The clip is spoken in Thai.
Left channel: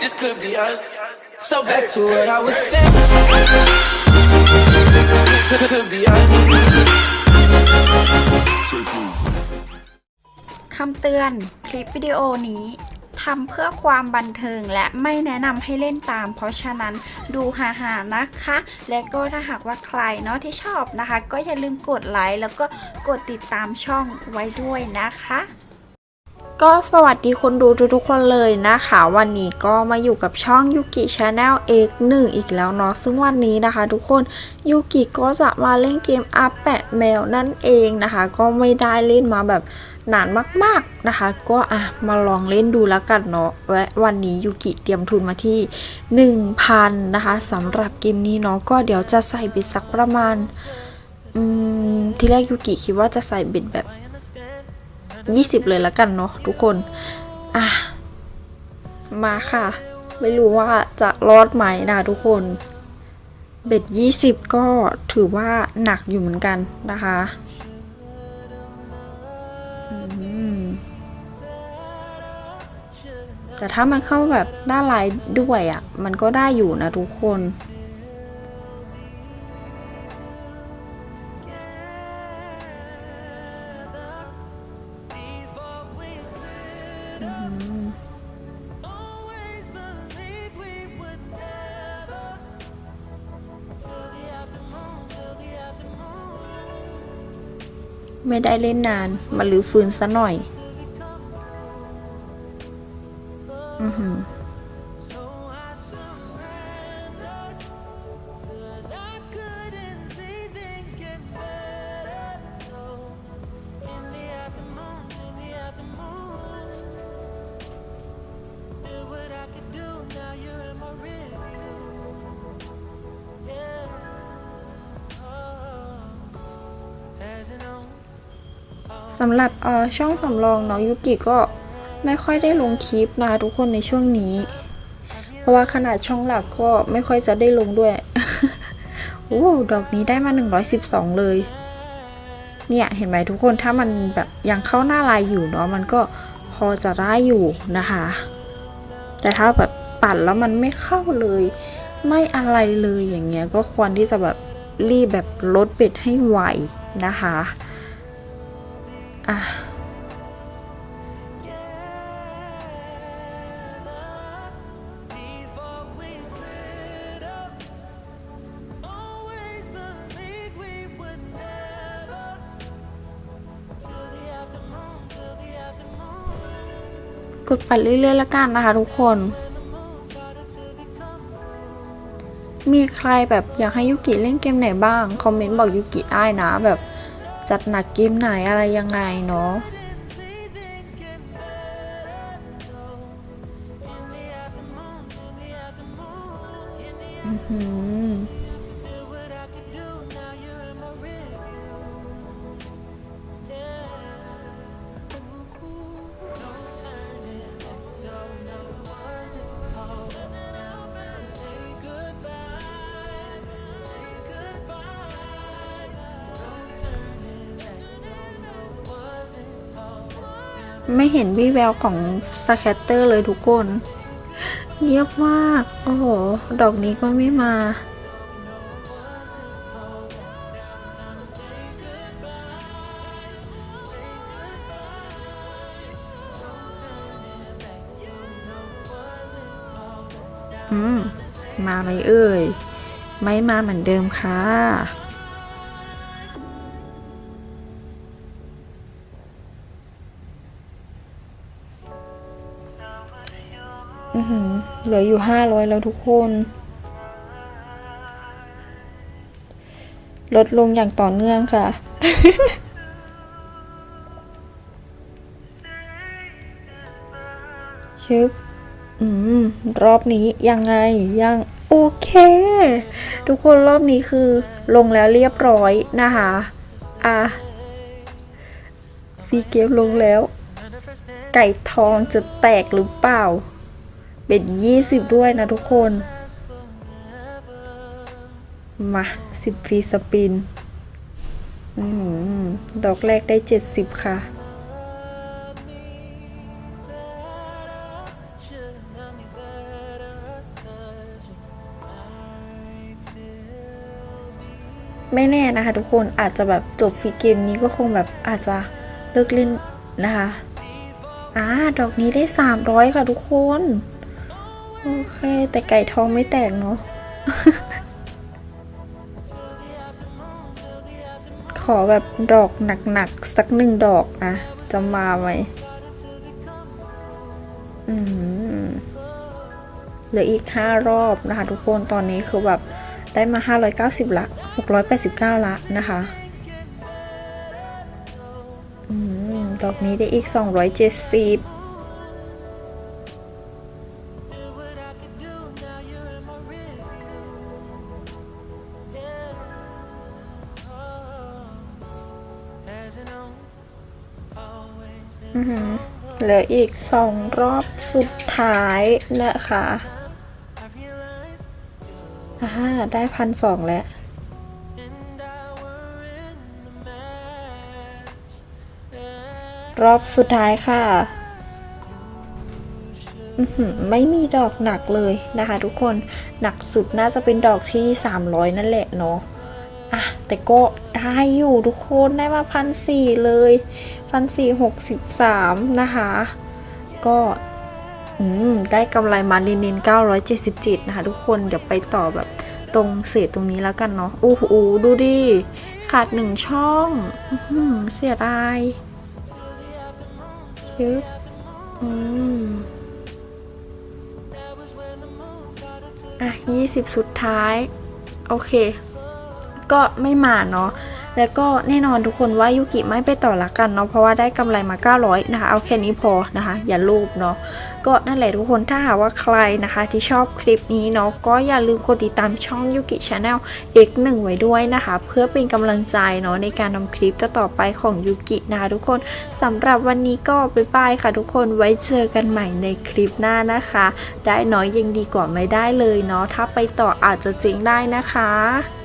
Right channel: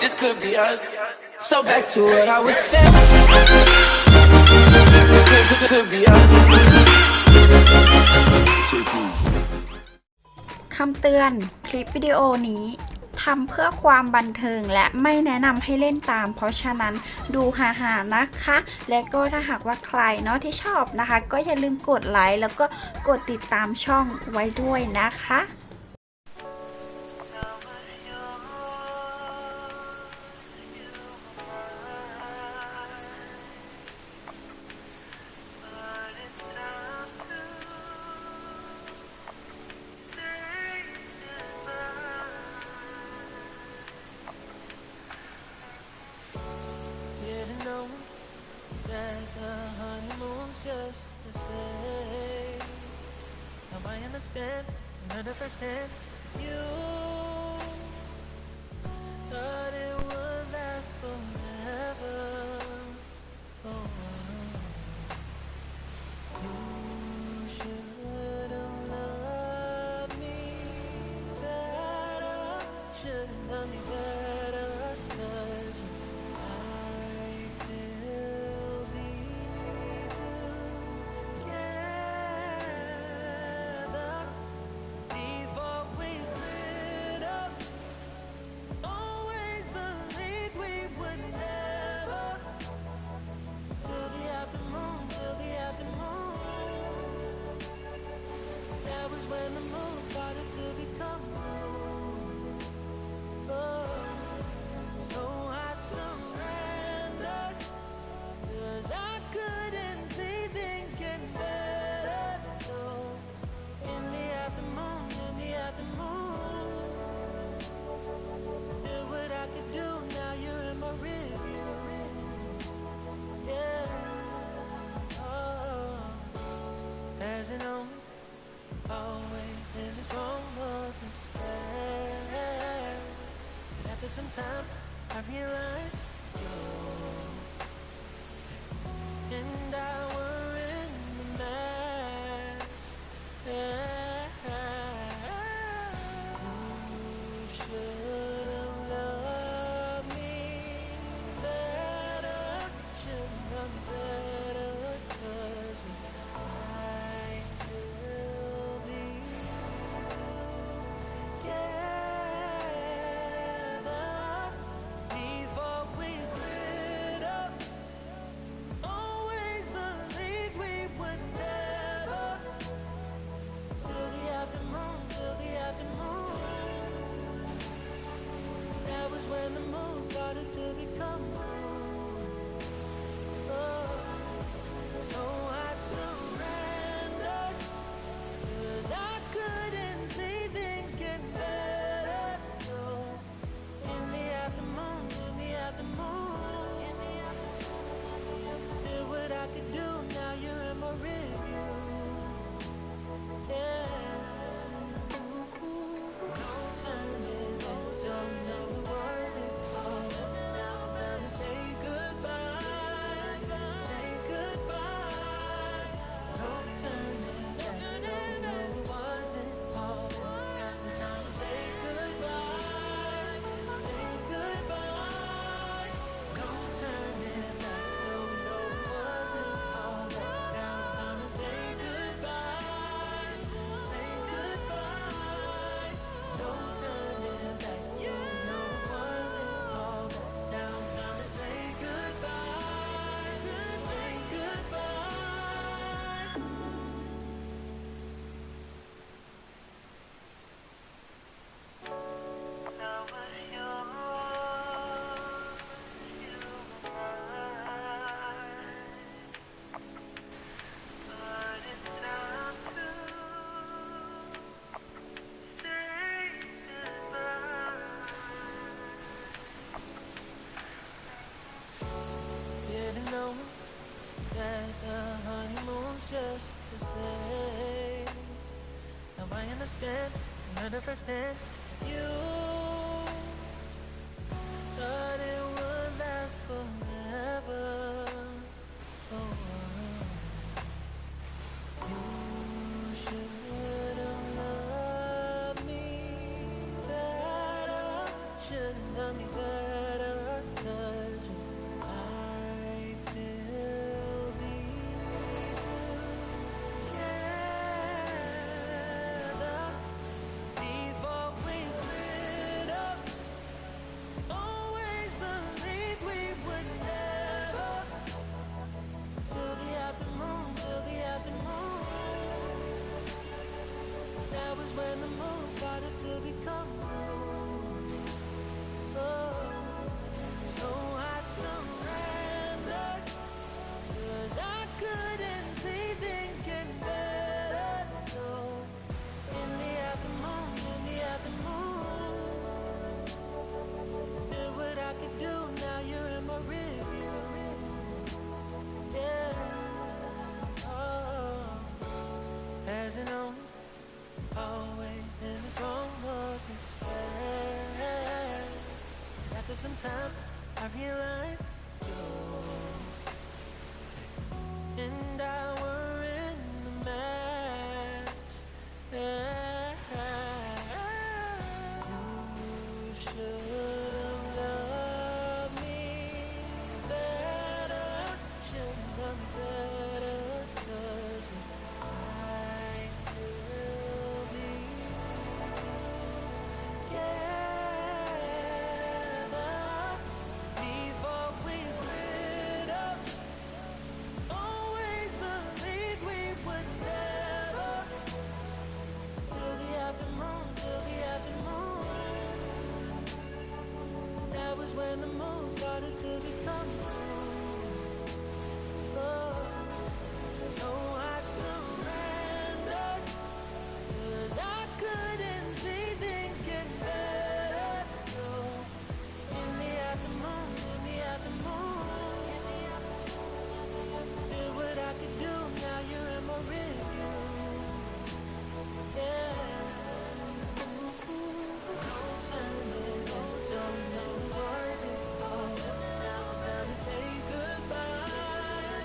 this could be us. So back to what I was saying. Could, could, could be us. คำเตือน คลิปวิดีโอนี้ทำเพื่อความบันเทิงและไม่แนะนำให้เล่นตาม เพราะฉะนั้นดูหาๆนะคะ และก็ถ้าหากว่าใครเนาะที่ชอบนะคะ ก็อย่าลืมกดไลค์แล้วก็กดติดตามช่องไว้ด้วยนะคะ ก็สวัสดีคนดูทุกๆคนเลยนะคะ วันนี้ก็มาอยู่กับช่องยูกิชาแนล X1 อีกแล้วเนาะซึ่งวันนี้นะคะทุกคนยูกิก็จะมาเล่นเกมอัพแปะแมวนั่นเองนะคะ ก็ไม่ได้เล่นมาแบบนานมากๆนะคะ ก็อะมาลองเล่นดูแล้วกันเนาะและวันนี้ยูกิเตรียมทุนมาที่ 1,000นะคะสำหรับเกมนี้เนาะก็เดี๋ยวจะใส่บิดสักประมาณอืมที่แรกยูกิคิดว่าจะใส่บิดแบบ 20 เลยแล้วกันเนาะทุกคนอะมาค่ะ ไม่รู้ว่าจะรอดไหมนะทุกคนเบ็ด20 ก็ถือว่าหนักอยู่เหมือนกันนะคะแต่ถ้ามันเข้าแบบหน้าไลน์ด้วยอะ่ะ มันก็ได้อยู่นะทุกคน ไม่ได้เล่นนาน มาลือฟื้นซะหน่อย สำหรับช่องสำรองน้องยุกิก็ไม่ค่อยได้ลงคลิปนะทุกคนในช่วงนี้ เพราะว่าขนาดช่องหลักก็ไม่ค่อยจะได้ลงด้วยโอ้ดอกนี้ได้มา 112 เลย เนี่ยเห็นไหมทุกคนถ้ามันแบบยังเข้าหน้าลายอยู่เนาะมันก็พอจะได้อยู่นะคะ แต่ถ้าแบบปั่นแล้วมันไม่เข้าเลย ไม่อะไรเลยอย่างเงี้ยก็ควรที่จะแบบรีบแบบลดเบ็ดให้ไวนะคะ อะกดไปเรื่อยๆละกันนะคะทุกคน มีใครแบบอยากให้ยุกิเล่นเกมไหนบ้าง คอมเมนต์บอกยุกิได้นะแบบ จัดหนักเกมไหนอะไรยังไงเนาะอือ ไม่เห็นวี่แววของสแคตเตอร์เลยทุกคนเงียบมาก โอ้โห ดอกนี้ก็ไม่มา อืม มาไหมเอ่ย ไม่มาเหมือนเดิมค่ะ เหลืออยู่ห้าร้อยแล้วทุกคน ลดลงอย่างต่อเนื่องค่ะ ชึบอืม รอบนี้ยังไงยังโอเค ทุกคนรอบนี้คือลงแล้วเรียบร้อยนะคะ อะฟีเกมลงแล้ว ไก่ทองจะแตกหรือเปล่า เบ็ดยี่สิบด้วยนะทุกคน มาสิบฟรีสปินดอกแรกได้เจ็ดสิบค่ะ ไม่แน่นะคะทุกคนอาจจะแบบจบซีเกมนี้ก็คงแบบอาจจะเลิกเล่นนะคะอ่าดอกนี้ได้ 300 ค่ะทุกคน โอเค แต่ไก่ทองไม่แตกเนาะขอแบบดอกหนักๆ สักหนึ่งดอกอะจะมาไหมอืมเหลืออีก 5 รอบนะคะ ทุกคนตอนนี้คือแบบได้มา 590 ละ 689 ละนะคะอืมดอกนี้ได้อีก 270 เหลืออีก2รอบสุดท้ายนะคะ I realized อ่าได้พันสองแล้ว and I were in the match. Yeah. รอบสุดท้ายค่ะอื้อหือ ไม่มีดอกหนักเลยนะคะ ทุกคนหนักสุดน่าจะเป็นดอกที่ 300 นั่นแหละเนาะอะแต่ก็ได้อยู่ทุกคนได้มาพันสี่เลยพันสี่หกสิบสามนะคะ ก็อืมได้กำไรมาลินิน977 นะคะทุกคนเดี๋ยวไปต่อแบบตรงเศษตรงนี้แล้วกันเนาะโอ้โหดูดิ ขาดหนึ่งช่องอื้อหือเสียดายชึบอืม อะ20 สุดท้าย โอเค ก็ไม่มาเนาะ แล้วก็แน่นอนทุกคนว่ายุกิไม่ไปต่อละกันเนาะเพราะว่าได้กำไรมา 900 นะคะ เอาแค่นี้พอนะคะ อย่าลูบเนาะก็นั่นแหละทุกคนถ้าหากว่าใครนะคะที่ชอบคลิปนี้เนาะก็อย่าลืมกดติดตามช่องยุกิชาแนล X1 ไว้ด้วยนะคะ เพื่อเป็นกำลังใจเนาะในการทำคลิปต่อไปของยุกินะคะทุกคนสำหรับวันนี้ก็บ๊ายบายค่ะ ทุกคนไว้เจอกันใหม่ในคลิปหน้านะคะ ได้น้อยยังดีกว่าไม่ได้เลยเนาะถ้าไปต่ออาจจะเจ๊งได้นะคะ